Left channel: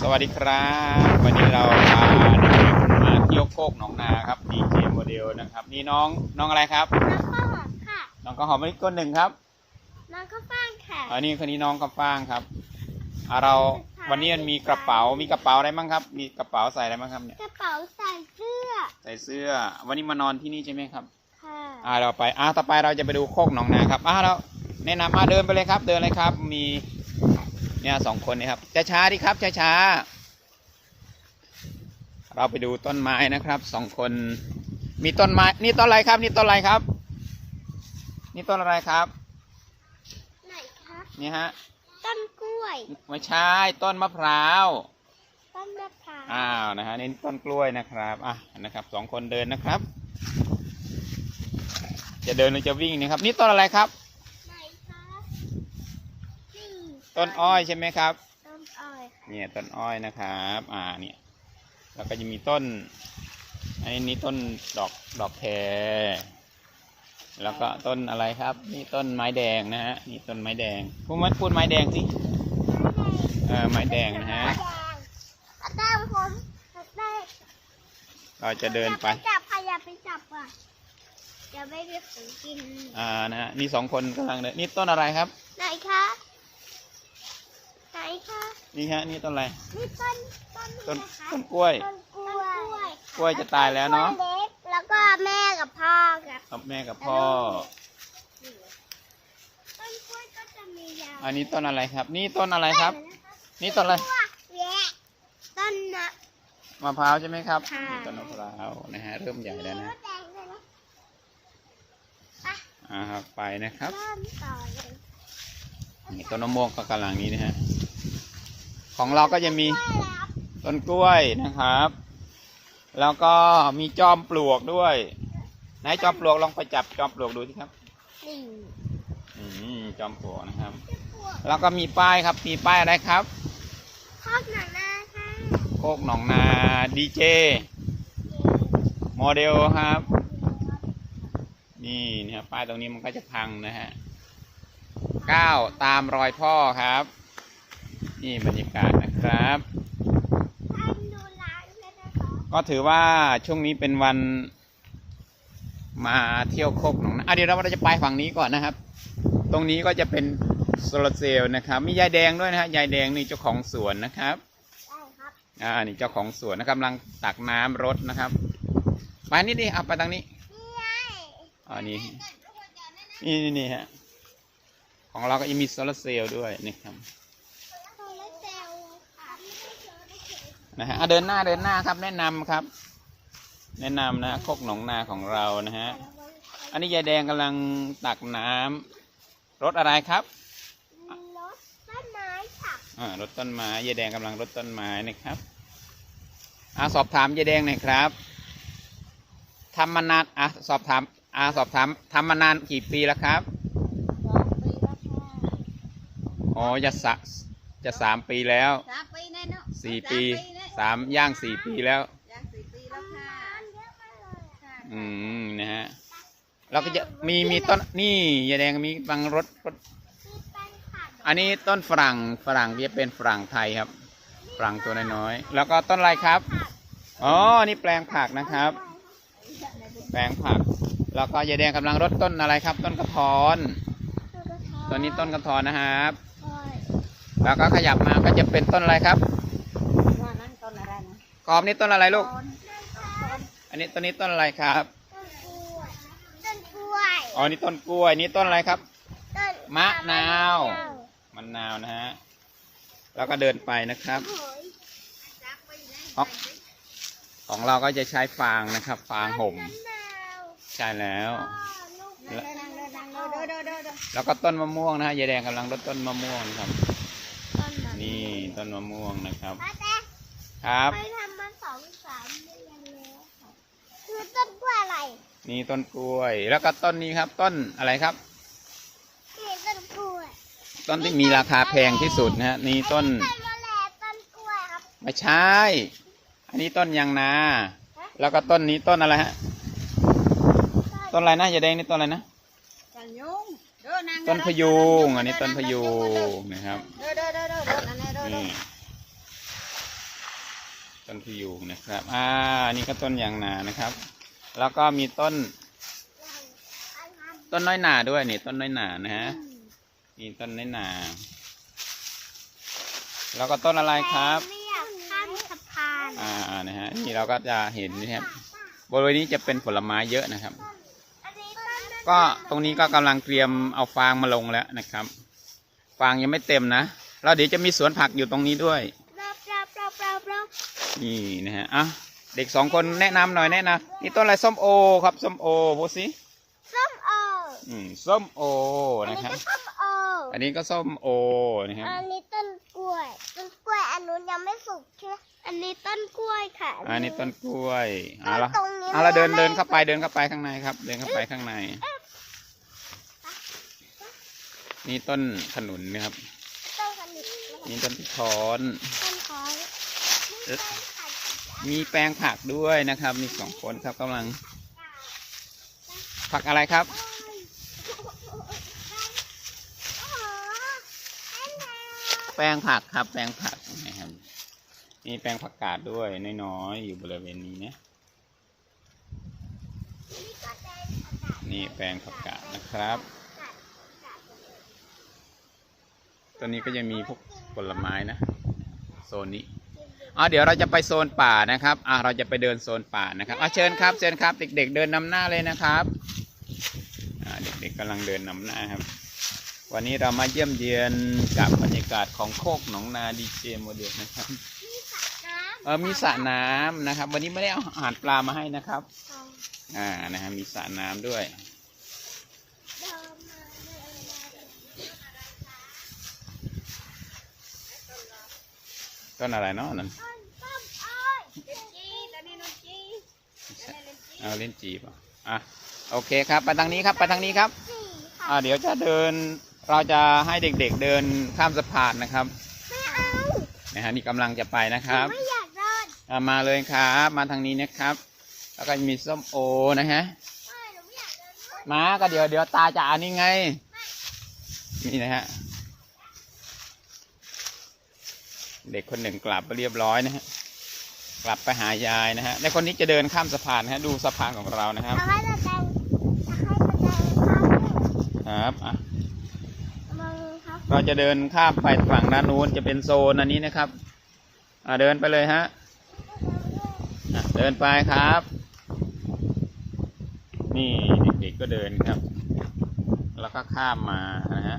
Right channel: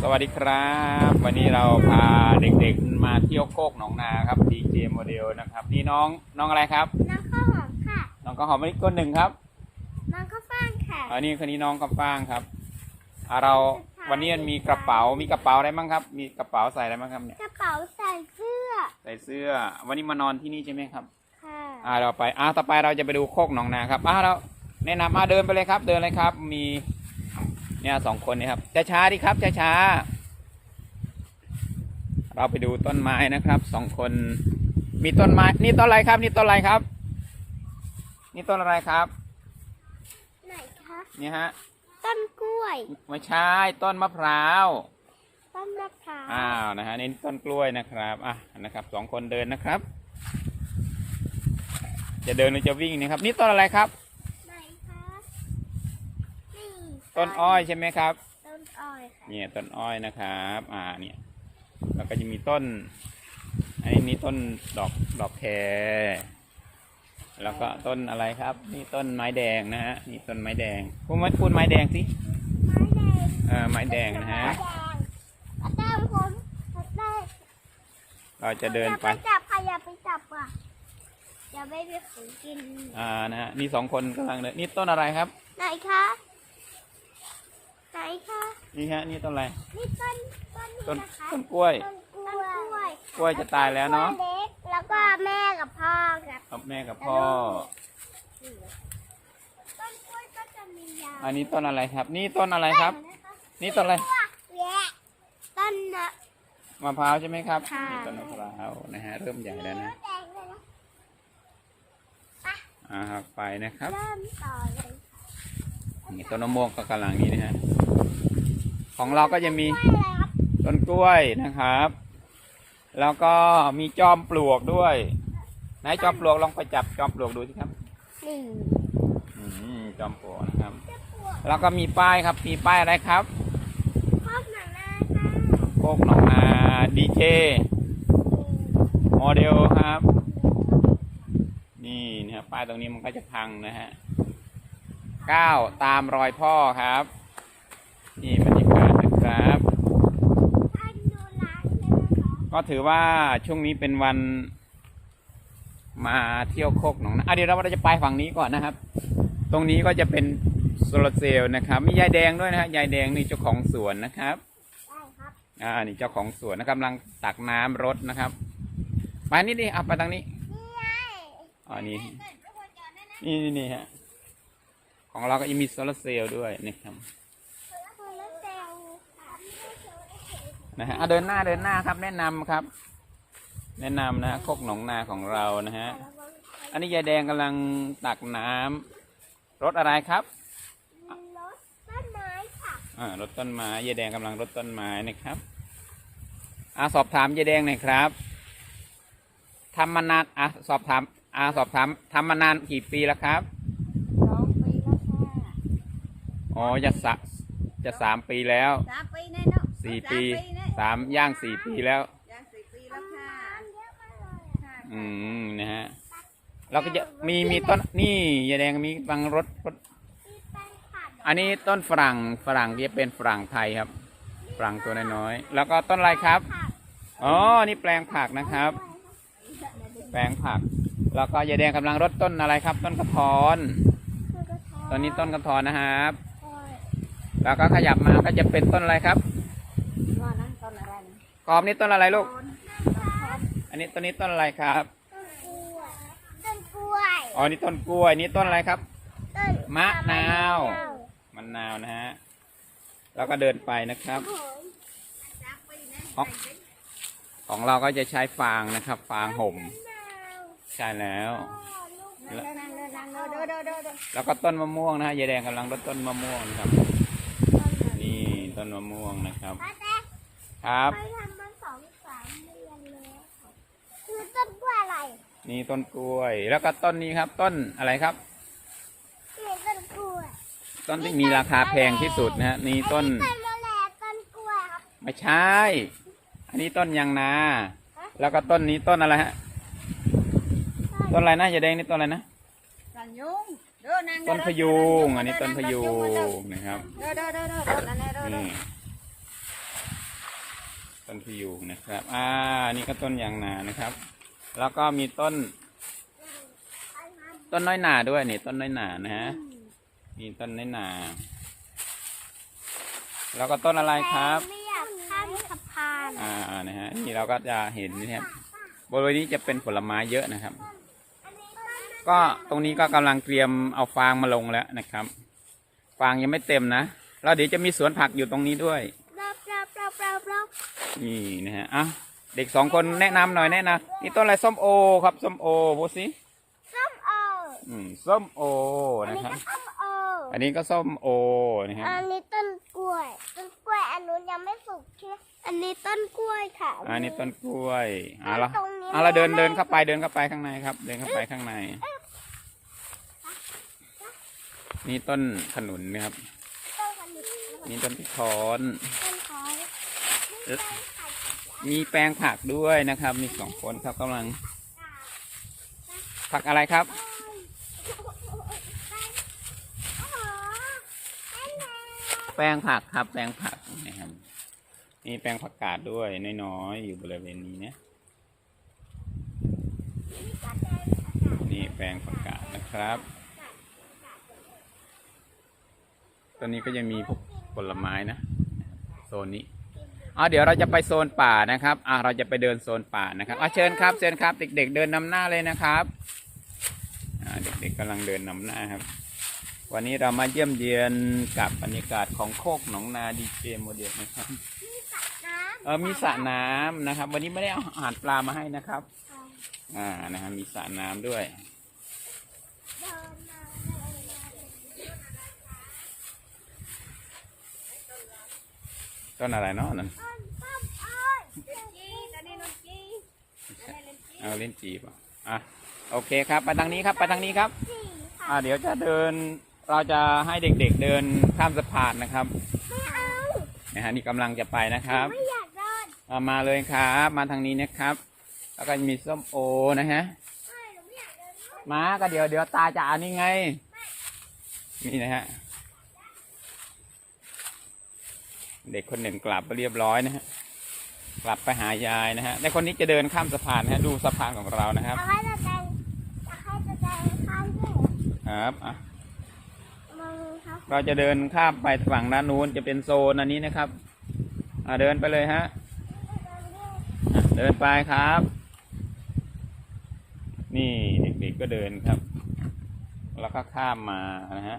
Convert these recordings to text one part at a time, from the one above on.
สวัสดีครับ วันนี้เราพาเด็กๆมาเที่ยวโคกหนองนาครับดีเจโมเดลนะครับ นี่น้องน้องอะไรครับ น้องข้าวหอมค่ะ น้องก็หอมมะลิก้นหนึ่งครับน้องข้าวฟ่างค่ะอันนี้คนนี้น้องกำฟ้างครับอ่าเราวันนี้มันมีกระเป๋ามีกระเป๋าอะไรบ้างครับ มีกระเป๋าใส่อะไรบ้างครับเนี่ยกระเป๋าใส่เสื้อใส่เสื้อ วันนี้มานอนที่นี่ใช่ไหมครับ ค่ะอ่าเราไปอ่าต่อไปเราจะไปดูโคกหนองนาครับอ่าเราแนะนำอ่าเดินไปเลยครับ เดินเลยครับมี เนี่ยสองคนนี่ครับช้าช้าๆดิครับช้าช้าๆเราไปดูต้นไม้นะครับสองคน มีต้นไม้นี่ต้นอะไรครับ นี่ต้นอะไรครับ นี่ต้นอะไรครับไหนคะนี่ฮะต้นกล้วยไม่ใช่ต้นมะพร้าวต้นมะพร้าวอ้าวนะฮะนี่ต้นกล้วยนะครับอะนะครับสองคนเดินนะครับ จะเดินหรือจะวิ่งนะครับ นี่ต้นอะไรครับ ไหนคะนี่ ต้นอ้อยใช่ไหมครับ ต้นอ้อยค่ะเนี่ยต้นอ้อยนะครับ อ่าเนี่ยแล้วก็จะมีต้น อันนี้นี่ต้นดอกดอกแครแล้วก็ต้นอะไรครับ นี่ต้นไม้แดงนะฮะนี่ต้นไม้แดงพูดไม้พูดไม้แดงสิเออไม้แดงนะฮะแดงผมได้เราจะเดินไปอย่าจับค่ะอย่าไปจับอะอย่าไม่มีของกินอ่านะฮะนี่สองคนกำลังเดินนี่ต้นอะไรครับไหนคะ ไหนคะนี่ฮะนี่ต้นอะไร นี่ต้นต้นต้นนี่นะคะต้นกล้วยต้นกล้วยกล้วยจะตายแล้วเนาะกล้วยเล็กแล้วก็แม่กับพ่อกับกับแม่กับพ่อ ต้นกล้วยก็จะมียาวอันนี้ต้นอะไรครับ นี่ต้นอะไรครับ นี่ต้นอะไร แยะต้นมะ มะพร้าวใช่ไหมครับ ค่ะ นี่ต้นมะพร้าวนะฮะ เริ่มใหญ่แล้วนะ แดงเลยนะอ่าไปนะครับ เริ่มต่อเลย นี่ต้นมะม่วงก็กำลังนี้นะฮะ ของเราก็จะมีต้นกล้วยนะครับ แล้วก็มีจอมปลวกด้วยไหนจอมปลวกลองไปจับจอมปลวกดูสิครับนี่อืมจอมปลวกนะครับ แล้วก็มีป้ายครับ มีป้ายอะไรครับโคกหนองนาดีเจโมเดลครับ นี่นะครับป้ายตรงนี้มันก็จะพังนะฮะ ก้าวตามรอยพ่อครับ นี่บรรยากาศนะครับให้ดูร้านเลยนะคะก็ถือว่าช่วงนี้เป็นวันมาเที่ยวโคกหนองนาอะเดี๋ยวเราจะไปฝั่งนี้ก่อนนะครับ ตรงนี้ก็จะเป็นโซลาร์เซลล์นะครับ มียายแดงด้วยนะฮะยายแดงนี่เจ้าของสวนนะครับได้ครับอ่านี่เจ้าของสวนนะครับกำลังตักน้ำรดนะครับไปนี่ดิเอาไปทางนี้นี่ไงอ๋อนี่นี่นี่นี่ฮะ ของเราก็ยังมีโซลาร์เซลล์ด้วยนี่ครับโซลาร์เซลล์ครับไม่ใช่โซลาร์เซลล์นะฮะอะเดินหน้าเดินหน้าครับแนะนำครับ แนะนำนะฮะโคกหนองนาของเรานะฮะอันนี้ยายแดงกำลังตักน้ำรถอะไรครับรถต้นไม้ค่ะอ่ารถต้นไม้ยายแดงกำลังรดต้นไม้นะครับอ่าสอบถามยายแดงหน่อยครับทำมานานอะสอบถามอ่าสอบถามทำมานานกี่ปีแล้วครับ สองปีแล้วค่ะ อ๋อจะสะจะสามปีแล้วสามปีแน่เนาะสี่ปีเนี่ยสามย่างสี่ปีแล้ว ย่างสี่ปีแล้วค่ะทำเยอะมากเลยอะค่ะอืมนะฮะเราก็จะมีมีต้นนี่ยายแดงมีบางรถรถที่เป็นผักอันนี้ต้นฝรั่งฝรั่งที่จะเป็นฝรั่งไทยครับฝรั่งตัวน้อยๆแล้วก็ต้นอะไรครับอ๋อนี่แปลงผักนะครับ แปลงผัก แล้วก็ยายแดงกำลังรดต้นอะไรครับ ต้นกระท้อนต้นนี้ต้นกระท้อนนะครับ แล้วก็ขยับมาก็จะเป็นต้นอะไรครับว่นั่นต้นอะไรนะกอมนี่ต้นอะไรลูก อันนี้ต้นนี้ต้นอะไรครับ ต้นกล้วยอ๋อนี่ต้นกล้วยนี่ต้นอะไรครับมะนาวมะนาวนะฮะแล้วก็เดินไปนะครับ ของเราก็จะใช้ฟางนะครับ ฟางห่ม ใช่แล้ว แล้วก็ต้นมะม่วงนะฮะยายแดงกำลังรดต้นมะม่วงครับ ต้นมะม่วงนะครับป้าแจ๊ครับไปทำมาสองสามเดือนแล้วค่ะคือต้นกล้วยอะไร นี่ต้นกล้วย แล้วก็ต้นนี้ครับ ต้นอะไรครับ นี่ต้นกล้วย ต้นที่มีราคาแพงที่สุดนะฮะนี่ต้น ต้นมะแลต้นกล้วยครับ ไม่ใช่ อันนี้ต้นยางนา แล้วก็ต้นนี้ต้นอะไรฮะ ต้นอะไรนะยายแดงนี่ต้นอะไรนะกันยุงเดินนั่ง ต้นพะยุงอันนี้ต้นพะยุงนะครับเดินเดินเดินเดินเดินเดินเดินนี่ต้นพยุงนะครับ อ่านี่ก็ต้นยางนานะครับ แล้วก็มีต้น ต้นน้อยหนาด้วยนี่ต้นน้อยหนานะฮะมีต้นน้อยหนา แล้วก็ต้นอะไรครับไม่อยากข้ามสะพานอ่านะฮะนี่เราก็จะเห็นนี่ครับบริเวณนี้จะเป็นผลไม้เยอะนะครับอันนี้ต้น ก็ตรงนี้ก็กำลังเตรียมเอาฟางมาลงแล้วนะครับ ฟางยังไม่เต็มนะแล้วเดี๋ยวจะมีสวนผักอยู่ตรงนี้ด้วยรอบรอบรอบรอบรอบนี่นะฮะอะเด็กสองคนแนะนำหน่อยแนะนำนี่ต้นอะไรส้มโอครับส้มโอพูดสิส้มโออืมส้มโออันนะนี้ครับก็ส้มโออันนี้ก็ส้มโอนะฮะอันนี้ต้นกล้วยต้นกล้วยอันนู้นยังไม่สุกใช่ไหมอันนี้ต้นกล้วยค่ะ อันนี้ต้นกล้วยอะละตรงนี้อะเราเดินเดินเข้าไปเดินเข้าไปข้างในครับ เดินเข้าไปข้างใน นี่ต้นขนุนนะครับต้นขนุนนี่ต้นพิทอนต้นคอยเอ๊ะมีแปลงผักด้วยนะครับ มีสองคนครับกำลัง ผักอะไรครับ แปลงผักครับ แปลงผักนะครับมีแปลงผักกาดด้วยน้อยๆอยู่บริเวณนี้นะนี่แปลงผักกาดนะครับ ตัวนี้ก็จะมีพวกผลไม้นะโซนนี้อ่าเดี๋ยวเราจะไปโซนป่านะครับอ่าเราจะไปเดินโซนป่านะครับอ่าเชิญครับเชิญครับ เด็ก ๆ เดินนำหน้าเลยนะครับอ่าเด็กๆกำลังเดินนำหน้าครับ วันนี้เรามาเยี่ยมเยียนกับบรรยากาศของโคกหนองนาดีเจโมเดลนะครับเออมีสระน้ำนะครับ วันนี้ไม่ได้เอาอาหารปลามาให้นะครับ อ่านะครับมีสระน้ำด้วย ต้นอะไรเนาะนั่นจีตอนนี้นนจีเอาเล่นจีบอะอะโอเคครับไปทางนี้ครับไปทางนี้ครับอ่าเดี๋ยวจะเดินเราจะให้เด็กๆเดินข้ามสะพานนะครับนะฮะนี่กำลังจะไปนะครับไม่อยากเดินอ่ามาเลยครับมาทางนี้นะครับ แล้วก็มีส้มโอนะฮะไม่หนูไม่อยากเดินด้วยมาก็เดี๋ยวเดี๋ยวตาจะเอ่านนี่ไงนี่นะฮะ เด็กคนหนึ่งกลับไปเรียบร้อยนะฮะกลับไปหายายนะฮะและคนนี้จะเดินข้ามสะพานนะฮะดูสะพานของเรานะครับจะให้แสดงจะให้แสดงครับครับอะมองครับก็จะเดินข้ามไปฝั่งด้านนู้นจะเป็นโซนอันนี้นะครับอ่าเดินไปเลยฮะอะเดินไปครับ นี่เด็กๆก็เดินครับ แล้วก็ข้ามมานะฮะ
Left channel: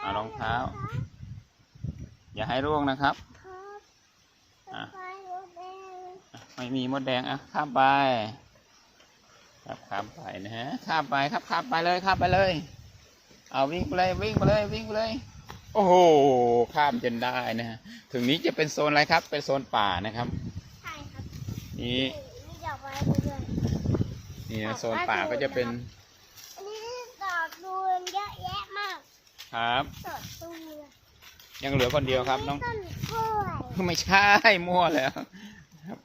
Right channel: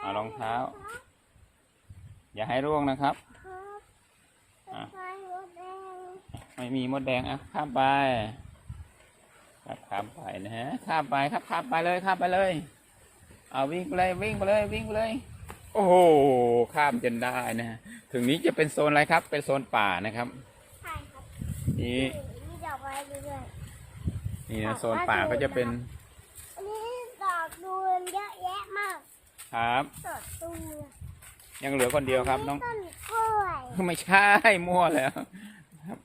เอารองเท้า อย่าให้ร่วงนะครับครับอะไฟรถแดงไม่มีมดแดงอะข้ามไป ครับข้ามไปนะฮะข้ามไปครับข้ามไปเลยข้ามไปเลย เอาวิ่งไปเลยวิ่งไปเลยวิ่งไปเลย โอ้โหข้ามจนได้นะฮะถึงนี้จะเป็นโซนอะไรครับ เป็นโซนป่านะครับใช่ครับนี่มีดอกไม้ด้วยนี่นะโซนป่าก็จะเป็นอันนี้ดอกดูนเยอะแยะมาก ครับดอกตูน ยังเหลือคนเดียวครับน้องต้นกล้วยไม่ใช่มั่วแล้วครับ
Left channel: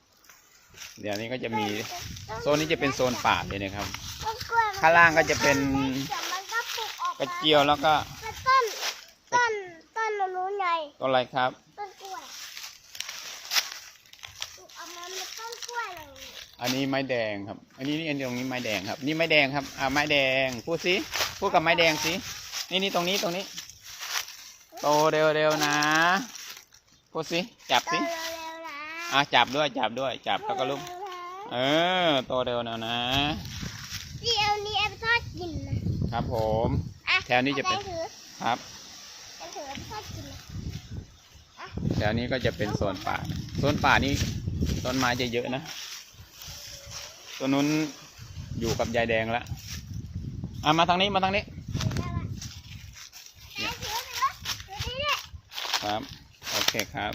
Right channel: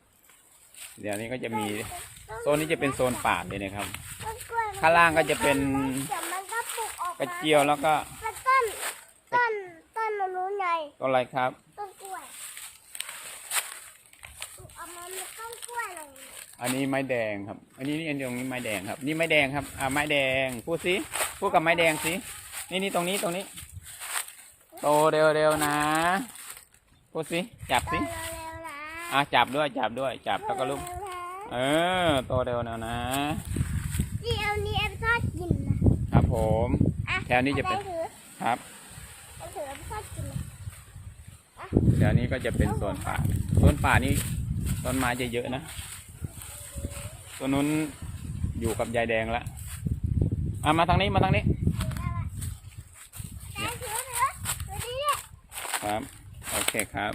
เดี๋ยวนี้ก็จะมีโซนนี้จะเป็นโซนป่าเลยนะครับ ต้นกล้วยมันข้างล่างก็จะเป็นแต่มันก็ปลูกออกกระมาเจียวแล้วก็เป็นต้นต้นต้นนู้นไงต้นอะไรครับ ต้นกล้วยปลูกออกมาเป็นต้นกล้วยเลยอันนี้ไม้แดงครับ อันนี้นี่อันตรงนี้ไม้แดงครับ นี่ไม้แดงครับ อ่าไม้แดง พูดสิ พูดกับไม้แดงสิ นี่นี่ตรงนี้ตรงนี้ โตเร็วๆนะพูดสิจับสิเร็วๆนะอ่าจับด้วยจับด้วยจับแล้วก็ลุกเร็วๆนะเออโตเร็วแล้วนะที่เอานี้เอาไปทอดกินนะครับผมอะแถวนี้จะเป็นอาไปถือครับเอาถือเอาไปทอดกินนะแถวนี้ก็จะเป็นโซนป่าโซนป่านี่ต้นไม้จะเยอะนะตัวนู้นอยู่กับยายแดงแล้วอะมาทางนี้มาทางนี้ไหนถือถือถือนี่เนี่ย ครับ โอเคครับ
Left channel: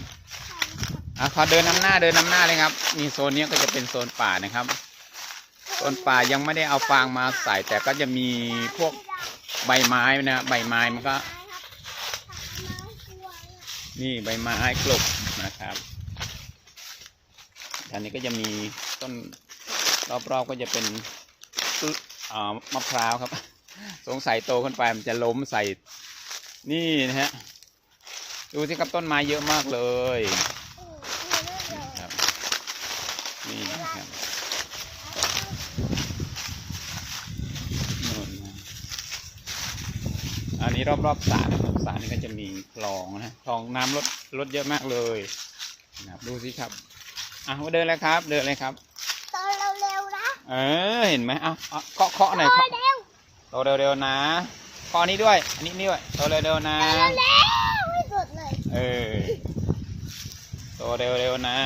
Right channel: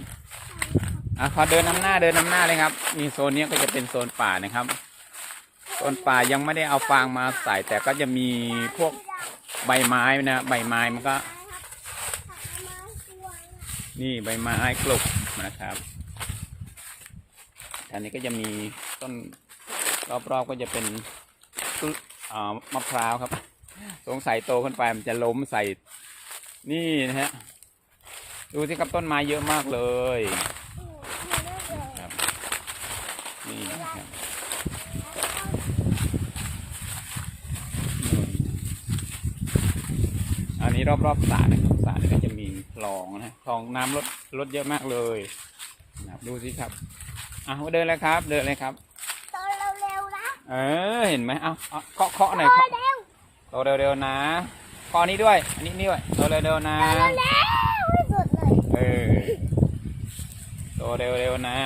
อะขอเดินนำหน้าเดินนำหน้าเลยครับนี่โซนนี้ก็จะเป็นโซนป่านะครับโซนป่ายังไม่ได้เอาฟางมาใส่ แต่ก็จะมีพวกใบไม้นะใบไม้มันก็ นี่ใบไม้กลบนะครับแถวนี้ก็จะมีต้นรอบๆก็จะเป็นต้นอ่ามะพร้าวครับ สงสัยโตขึ้นไปมันจะล้มใส่นี่นะฮะ ดูสิครับต้นไม้เยอะมากเลยนี่ครับอันนี้รอบรอบสารสารก็จะมีคลองนะคลองน้ำลดลดเยอะมากเลยนะครับดูสิครับอะเดินเลยครับ เดินเลยครับเออเห็นไหมเอาเอาเคาะเคาะหน่อยเคาะเร็วเร็วนะคอนี้ด้วย อันนี้นี่ด้วยเร็วเร็วนะเราเร็ว เลยเออโตเร็วๆนะ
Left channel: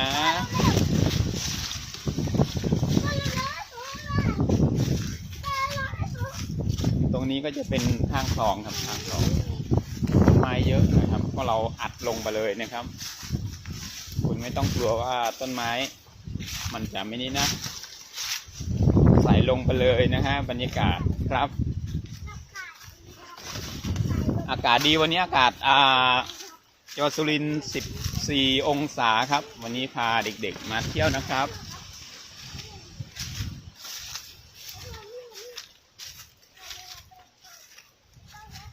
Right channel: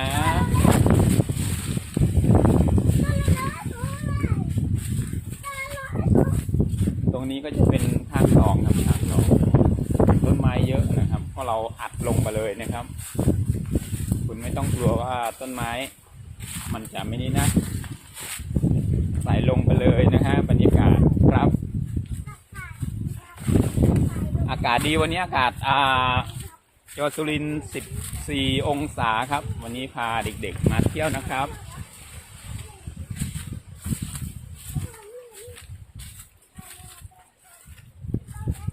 ตรงนี้ก็จะเป็นทางสองครับทางสองต้นไม้เยอะนะครับเพราะเราอัดลงไปเลยนะครับ คุณไม่ต้องกลัวว่าต้นไม้ มันจะไม่นี่นะ ใส่ลงไปเลยนะฮะบรรยากาศครับ อากาศดีวันนี้อากาศอ่า จังหวัดสุรินทร์14 องศาครับ วันนี้พาเด็กๆมาเที่ยวนะครับ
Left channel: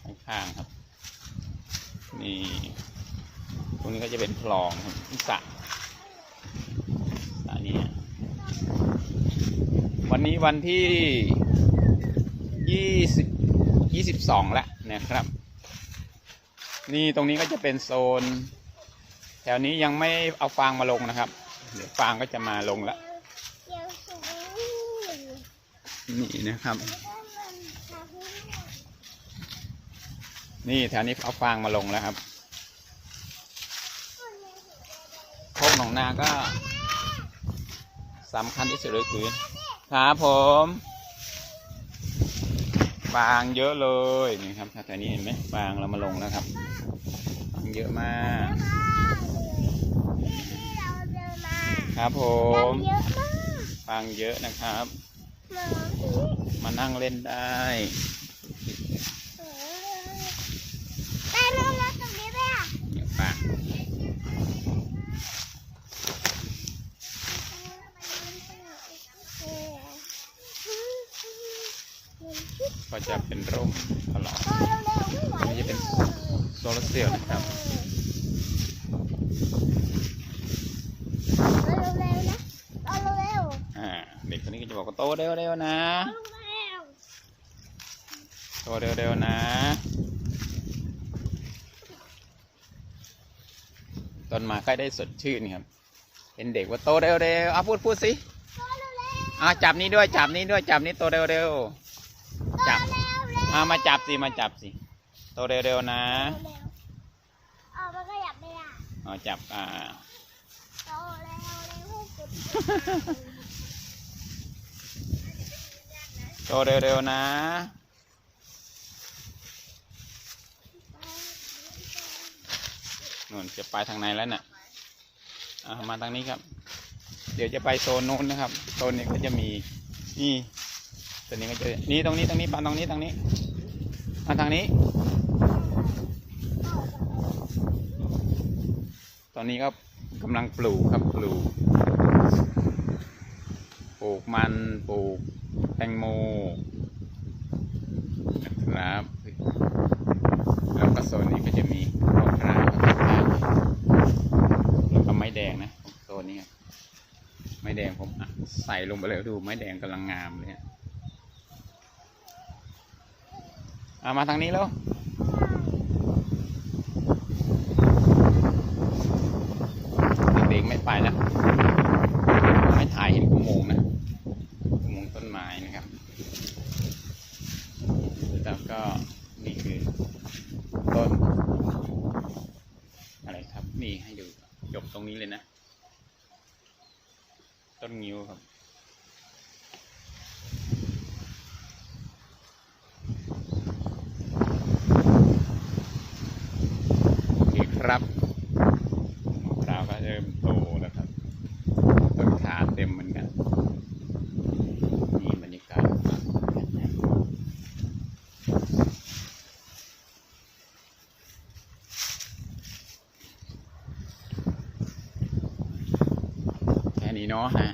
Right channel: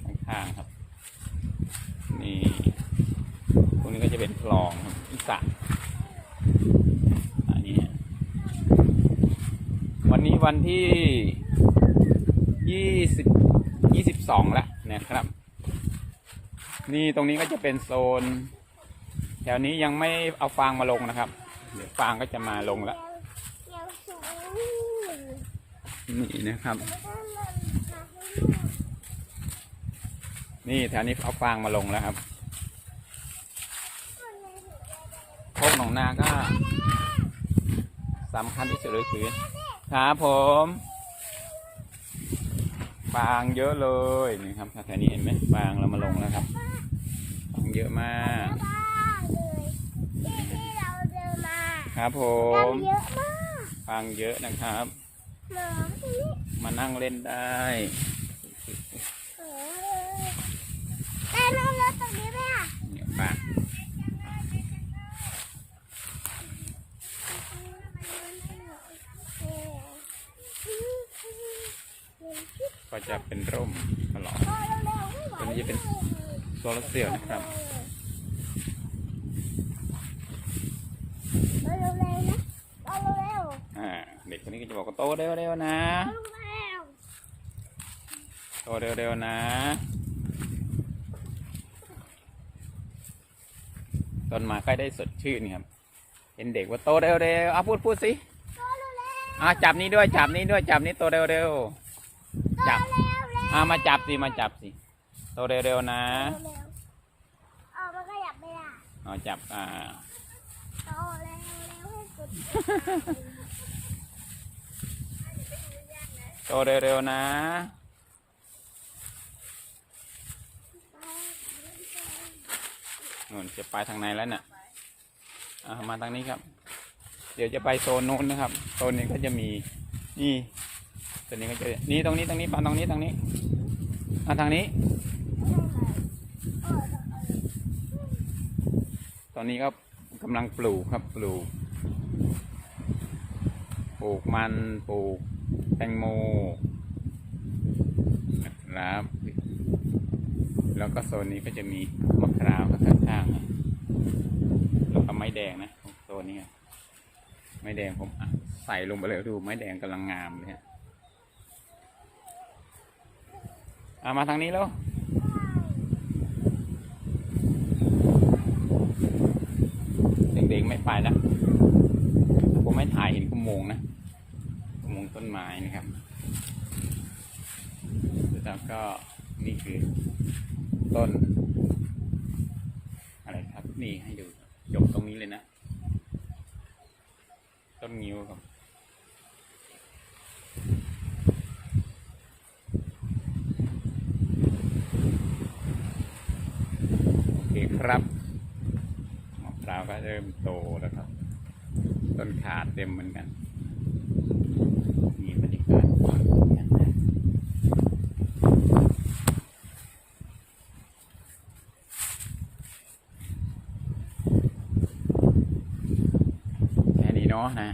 ข้างๆครับ นี่ตรงนี้ก็จะเป็นคลองครับสระสระนี้ฮะวันนี้วันที่ยี่สิบยี่สิบสองแล้วนะครับ นี่ตรงนี้ก็จะเป็นโซน แถวนี้ยังไม่เอาฟางมาลงนะครับเดี๋ยวฟางก็จะมาลงแล้วนี่นะครับ นี่แถวนี้เอาฟางมาลงแล้วครับโคกหนองนาก็สำคัญที่สุดเลยคือครับผมฟางเยอะเลยนี่ครับแถวนี้เห็นไหมฟางเรามาลงนะครับ เยอะมากที่เราเดินมาครับผยัมงเยอะมากฟางเยอะนะครับหมอที่มานั่งเล่นได้ได้ไหมแล้วตรงนี้ไหมอะเนี่ยฟางก็จะเป็นร่มตลอดตรงนี้จะเป็น โซลาร์เซลล์นะครับเร็วๆนะเร็วอ่าเด็กคนนี้ก็จะบอกว่าโตเร็วๆนะๆเร็วโตเร็วๆนะต้นไม้ใกล้ได้สดชื่นครับ เป็นเด็กว่าโตเร็วๆอะพูดพูดสิๆโตเร็วๆอะจับนี้ด้วยจับนี้ด้วยจับนี้โตเร็วโตๆจับเร็วๆอะมาจับสิมาจับสิ โตเร็วๆนะเร็วๆเอามันขยับไม่ได้อ๋อจับอ่าโตเร็วเร็วให้สุดโตเร็วๆนะ นู่นจะไปทางไหนแล้วน่ะอะมาทางนี้ครับ เดี๋ยวจะไปโซนนู้นนะครับ โซนนี้ก็จะมี นี่ตัวนี้ก็จะ นี่ตรงนี้ตรงนี้ปานตรงนี้ตรงนี้มาทางนี้ ตอนนี้ก็กำลังปลูกครับปลูก ปลูกมันปลูกแตงโมนะครับแล้วก็โซนนี้ก็จะมีมะพร้าวข้างๆแล้วก็ไม้แดงนะโซนนี้ไม้แดงผมใส่ลงไปเลยดูไม้แดงกำลังงามเลยฮะเอามาทางนี้แล้ว เด็กๆไม่ไปแล้วผมไม่ถ่ายเห็นอุโมงนะอุโมงต้นไม้นะครับแล้วก็นี่คือต้น อะไรครับ นี่ให้ดูจบตรงนี้เลยนะ ต้นงิ้วครับโอเคครับ เริ่มโตแล้วครับ ต้นขาเต็มเหมือนกันนี่บรรยากาศแค่นี้เนาะนะ